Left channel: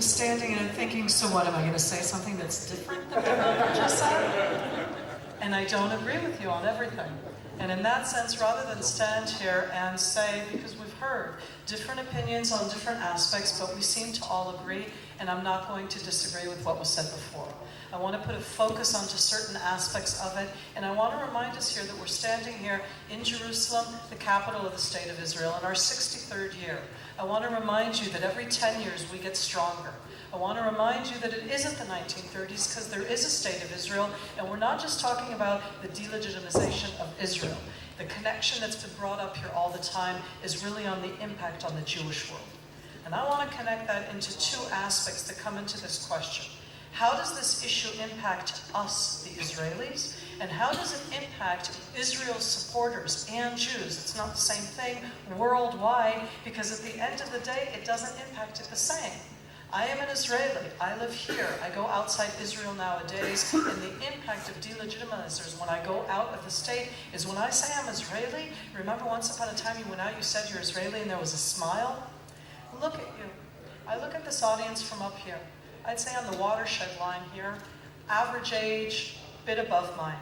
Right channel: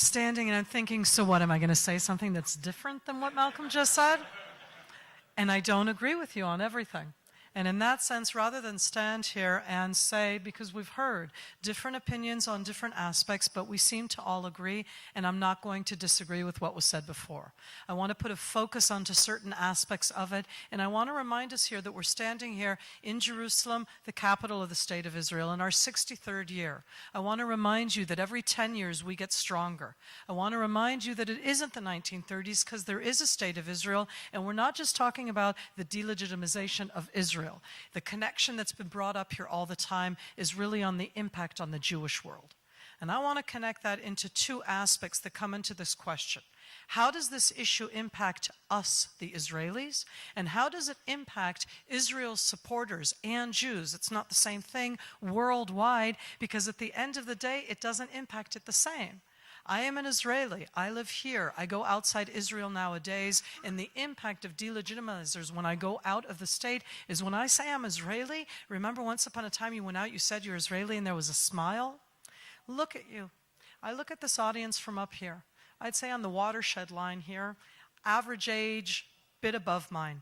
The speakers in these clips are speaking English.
standing and thinking, so what, am I going to say something that's different than what I just said? And I don't agree with you on everything. And in that sense, rather than stand here and say, because we've heard different opinions on different aspects, but we seem to all agree, and I'm not going to disagree with what was said before. I want to put a focus onto certain aspects of it, and I want to remind us here that we're standing here in Jerusalem, the capital of the State of Israel, in our 63rd year. I want to remind you that every 10 years we get stronger. I want to remind you that it isn't the 1930s, because there is a State of Israel, and we're not just talking about the de-legitimization of Israel. The connection that's been brought up here all the time is really on the impact on the Jewish world. And I want to connect that into two aspects that come into this question. How does this issue impact us, the Israelis? And how does it impact Israel's supporters and Jews? It's not the same thing worldwide, because at the end of the day, it doesn't impact it the same. I am an Israeli. I live here. I go outside Israel nowadays, and the impact of de-legitimizers when I go out of the state is when I say I'm Israeli. Remember once upon a time you went out, you said you're Israeli, and there was a smile? Look at you. I look at this audience from up here. I'd say on the watershed line here, average age, bit above mine.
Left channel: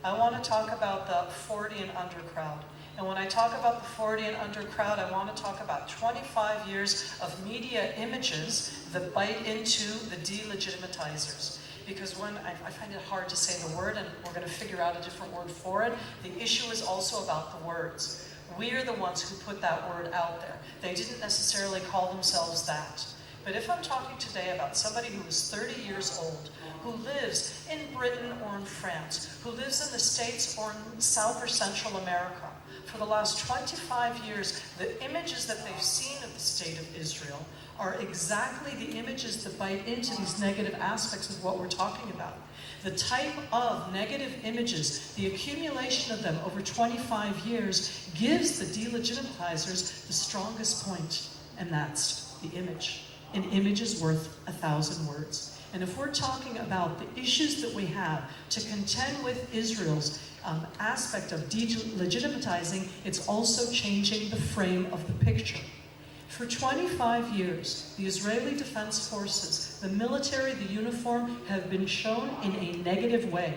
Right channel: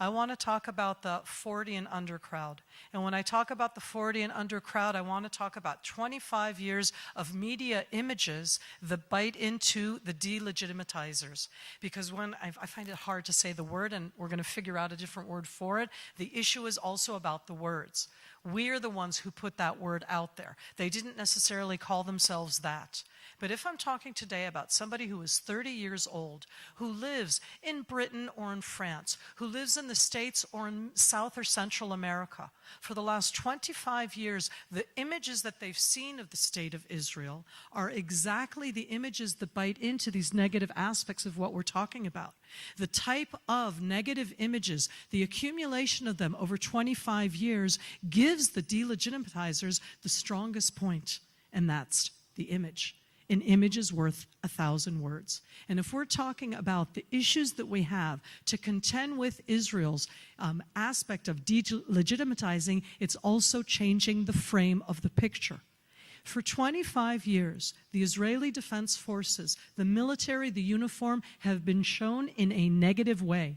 I want to talk about the 40 and under crowd. And when I talk about the 40 and under crowd, I want to talk about 25 years of media images that bite into the de-legitimizers. Because I find it hard to say the word, and we're going to figure out a different word for it. The issue is also about the words. We're the ones who put that word out there. They didn't necessarily call themselves that. But if I'm talking today about somebody who is 30 years old, who lives in Britain or in France, who lives in the States or in South or Central America, for the last 25 years, the images that they've seen of the State of Israel are exactly the images that bite into these negative aspects of what we're talking about. The type of negative images, the accumulation of them over 25 years, gives the de-legitimizers the strongest point, and that's the image. An image is worth 1,000 words. And if we're talking about the issues that we have to contend with Israel's aspect of de-legitimizing, it's also changing the frame of the picture. For 25 years, the Israeli Defense Forces, the military, the uniform, have been shown in a negative way.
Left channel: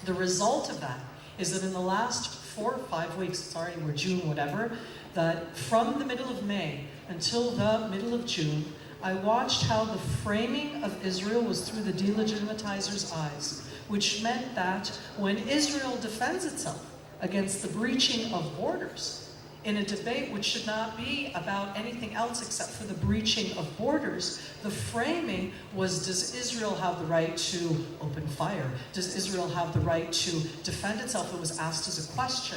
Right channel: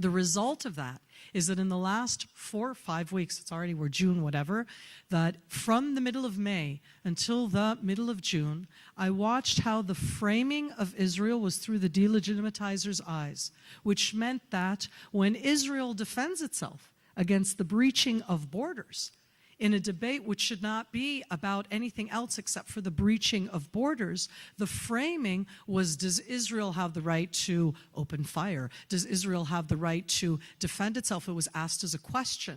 The result of that is that in the last 4 or 5 weeks, we're June, whatever, that from the middle of May until the middle of June, I watched how the framing of Israel was through the de-legitimizers' eyes, which meant that when Israel defends itself against the breaching of borders, in a debate which should not be about anything else except for the breaching of borders, the framing was, does Israel have the right to open fire? Does Israel have the right to defend itself? It was asked as a question.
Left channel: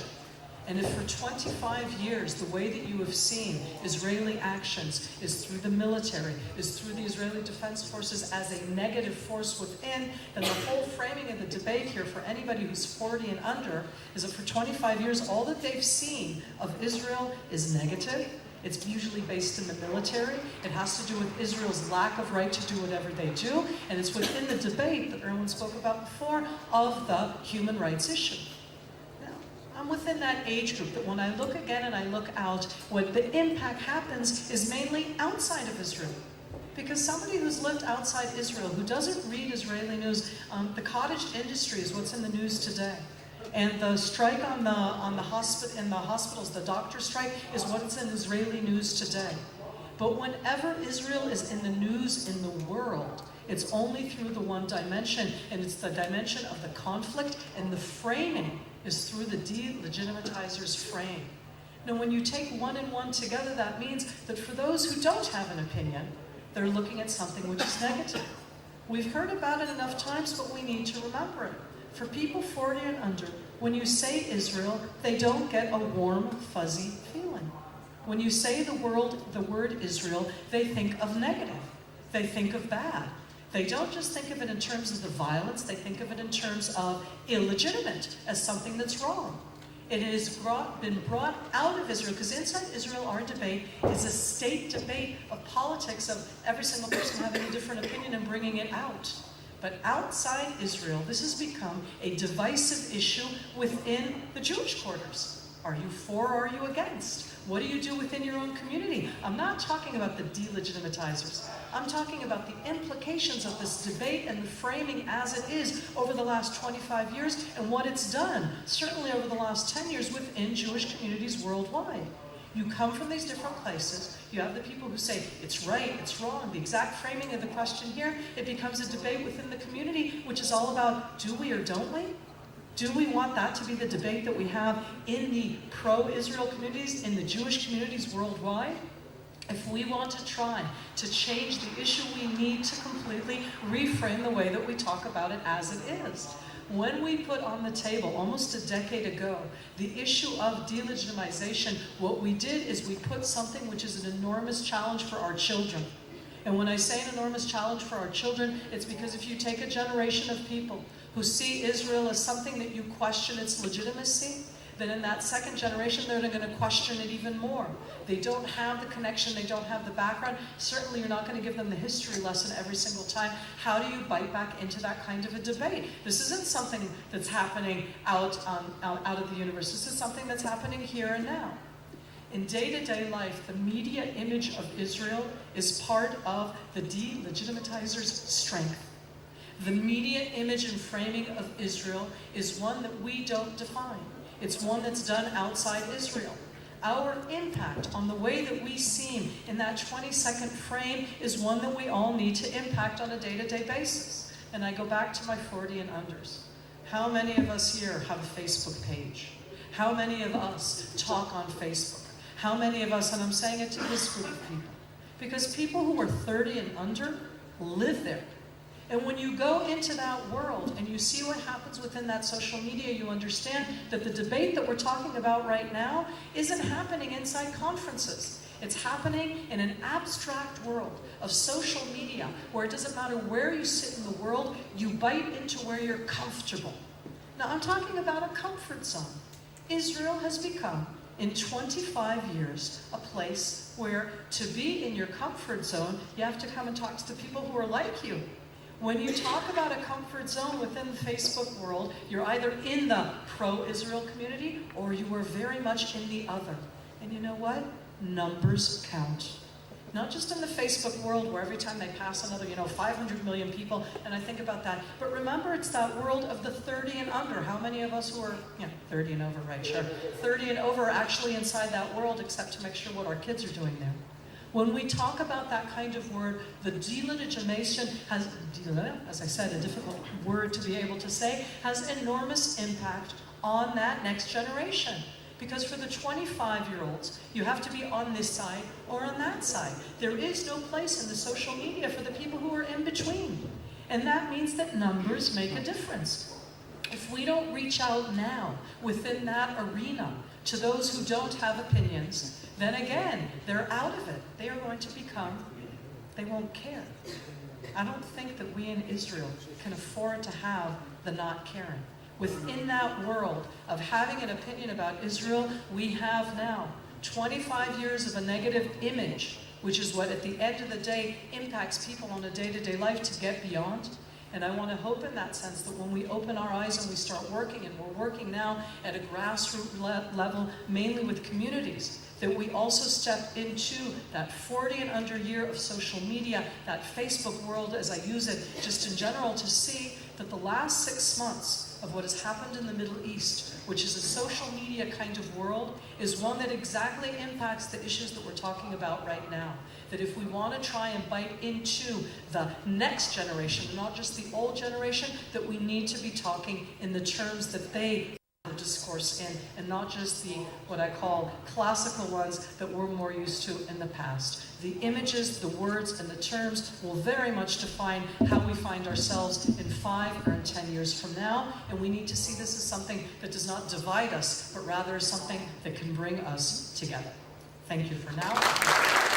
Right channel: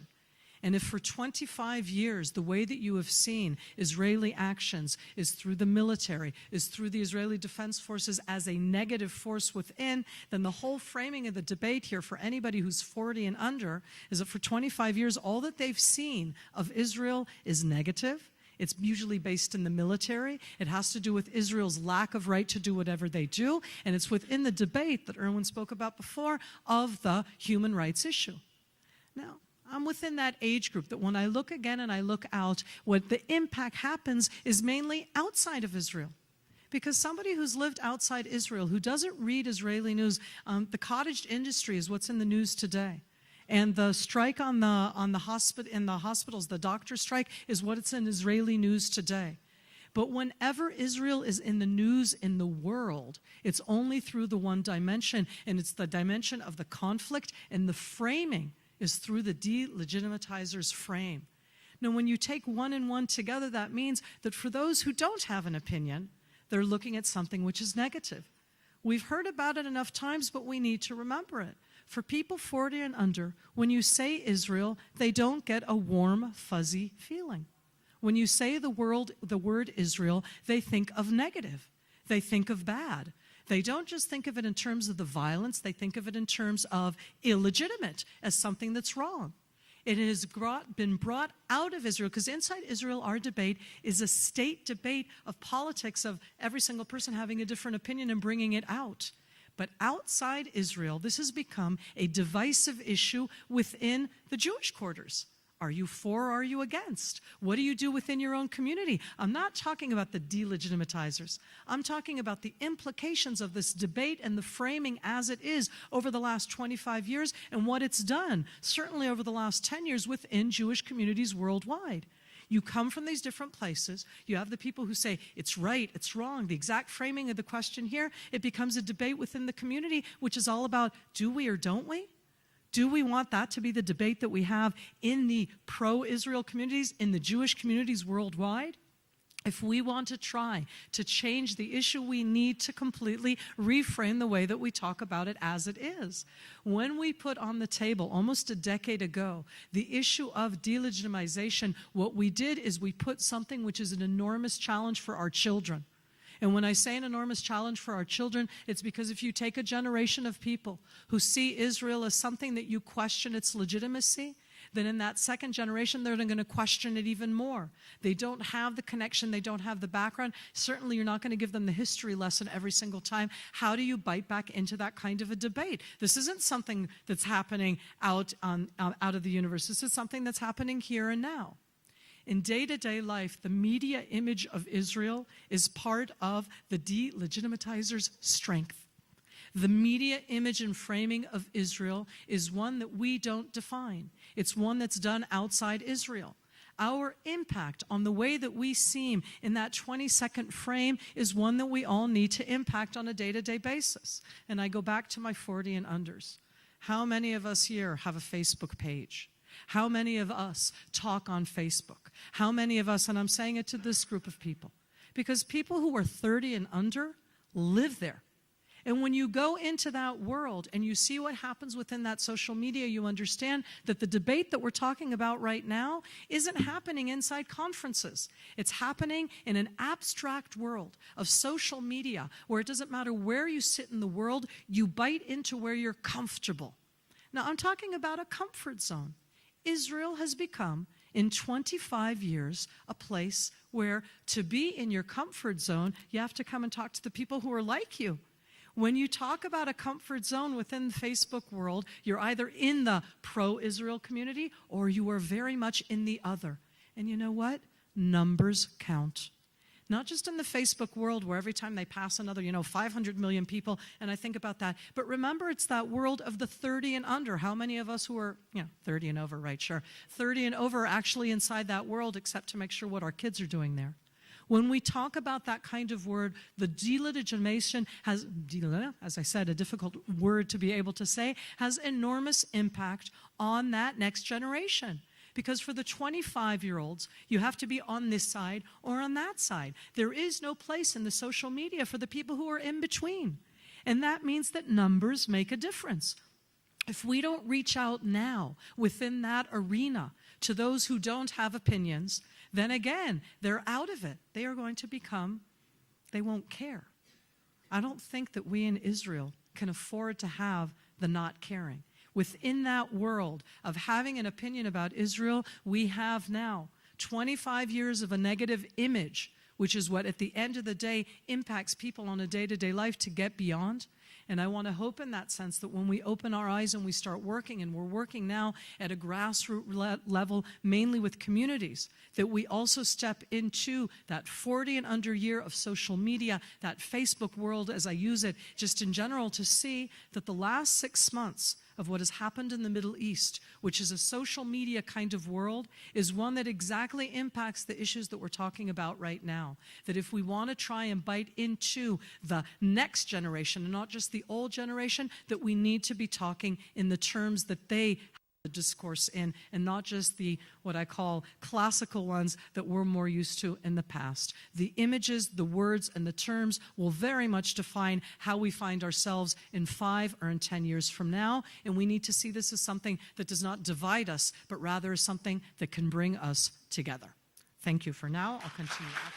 And if for 25 years, the way that you have seen Israeli actions is through the military, is through the Israeli Defense Forces as a negative force within, then the whole framing of the debate here for anybody who's 40 and under is that for 25 years, all that they've seen of Israel is negative. It's usually based in the military. It has to do with Israel's lack of right to do whatever they do. And it's within the debate that Irwin spoke about before of the human rights issue. I'm within that age group that when I look again and I look out, what the impact happens is mainly outside of Israel. Because somebody who's lived outside Israel, who doesn't read Israeli news, the cottage industry is what's in the news today. And the strike in the hospitals, the doctor strike, is what's in Israeli news today. But whenever Israel is in the news in the world, it's only through the one dimension, and it's the dimension of the conflict, and the framing is through the de-legitimizers' frame. Now, when you take one and one together, that means that for those who don't have an opinion, they're looking at something which is negative. We've heard about it enough times, but we need to remember it. For people 40 and under, when you say Israel, they don't get a warm, fuzzy feeling. When you say the word Israel, they think of negative. They think of bad. They don't just think of it in terms of the violence, they think of it in terms of illegitimate, as something that's wrong. It has been brought out of Israel, because inside Israel, our debate is a state debate of politics, of every single person having a different opinion and bringing it out. But outside Israel, this has become a divisive issue within the Jewish quarters. Are you for or are you against? What do you do within your own community? I'm not talking about the de-legitimizers. I'm talking about the implications of this debate and the framing as it is over the last 25 years and what it's done, certainly over the last 10 years within Jewish communities worldwide. You come from these different places, you have the people who say, it's right, it's wrong, the exact framing of the question here, it becomes a debate within the community, which is all about, do we or don't we? Do we want that to be the debate that we have in the pro-Israel communities, in the Jewish communities worldwide? If we want to try to change the issue, we need to completely reframe the way that we talk about it as it is. When we put on the table, almost a decade ago, the issue of de-legitimization, what we did is we put something which is an enormous challenge for our children. And when I say an enormous challenge for our children, it's because if you take a generation of people who see Israel as something that you question its legitimacy, then in that second generation, they're going to question it even more. They don't have the connection, they don't have the background. Certainly you're not going to give them the history lesson every single time. How do you bite back into that kind of a debate? This isn't something that's happening out of the universe. This is something that's happening here and now. In day-to-day life, the media image of Israel is part of the de-legitimizer's strength. The media image and framing of Israel is one that we don't define. It's one that's done outside Israel. Our impact on the way that we seem in that 20-second frame is one that we all need to impact on a day-to-day basis. And I go back to my 40 and unders. How many of us here have a Facebook page? How many of us talk on Facebook? How many of us, and I'm saying it to this group of people, because people who are 30 and under live there. And when you go into that world and you see what happens within that social media, you understand that the debate that we're talking about right now isn't happening inside conferences. It's happening in an abstract world of social media where it doesn't matter where you sit in the world, you bite into where you're comfortable. Now, I'm talking about a comfort zone. Israel has become, in 25 years, a place where to be in your comfort zone, you have to come and talk to the people who are like you. When you talk about a comfort zone within the Facebook world, you're either in the pro-Israel community or you are very much in the other. And you know what? Numbers count. Not just in the Facebook world where every time they pass another, 500 million people, and I think about that. But remember, it's that world of the 30 and under. How many of us who are, 30 and over, right, sure. 30 and over are actually inside that world, except to make sure what our kids are doing there. When we talk about that kind of word, the de-legitimation has, as I said, a difficult word to be able to say, has enormous impact on that next generation. Because for the 25-year-olds, you have to be on this side or on that side. There is no place in the social media for the people who are in between. And that means that numbers make a difference. If we don't reach out now within that arena to those who don't have opinions, then again, they're out of it. They are going to become, they won't care. I don't think that we in Israel can afford to have the not caring. Within that world of having an opinion about Israel, we have now 25 years of a negative image, which is what at the end of the day impacts people on a day-to-day life to get beyond. And I want to hope in that sense that when we open our eyes and we start working, and we're working now at a grassroots level, mainly with communities, that we also step into that 40 and under year of social media, that Facebook world as I use it just in general, to see that the last 6 months of what has happened in the Middle East, which is a social media kind of world, is one that exactly impacts the issues that we're talking about right now. That if we want to try and bite into the next generation, not just the old generation, that we need to be talking in the terms that they discourse in, and not just the, what I call, classical ones that we're more used to in the past. The images, the words, and the terms will very much define how we find ourselves in 5 or in 10 years from now, and we need to see this as something that does not divide us, but rather something that can bring us together. Thank you for now.